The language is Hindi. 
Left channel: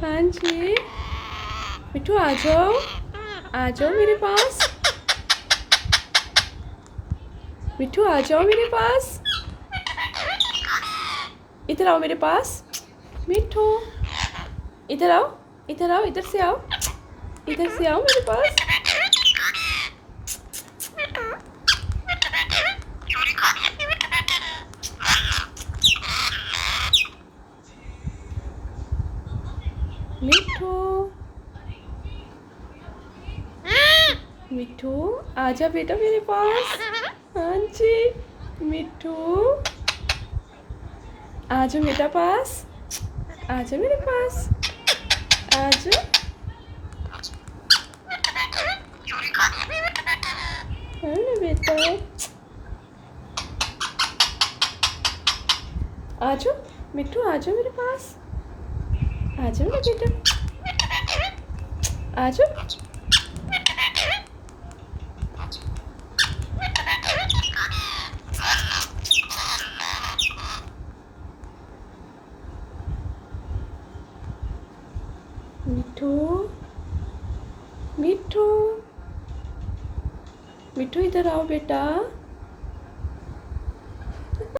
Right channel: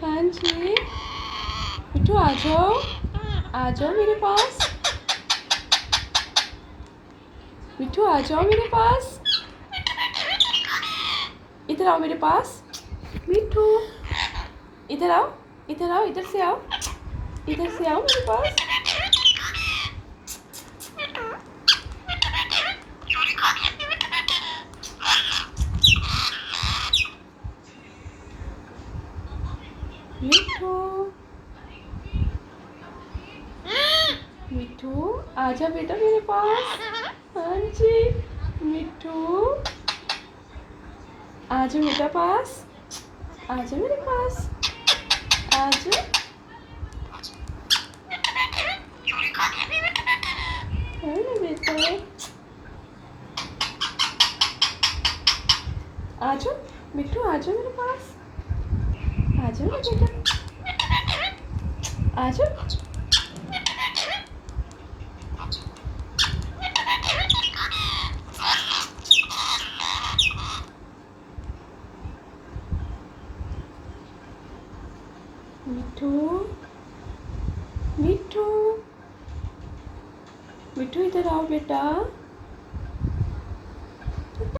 हाँ जी, मिठू आ जाओ मेरे पास। मिठू आ जाओ मेरे पास। इधर आओ मेरे पास। मिठू इधर आओ, इधर आओ, इधर से आओ, इधर से आओ मेरे पास। मिठू मिठू आजा बेटा मेरे पास। हाँ जी, मिठू आजा बेटा पास, आजा मेरे पास, आजा। हाँ ना बेटा, आजा मिठू, आजा मेरे पास, आजा ना बेटा, आजा। मिठू मिठू मिठू इधर आओ बेटा।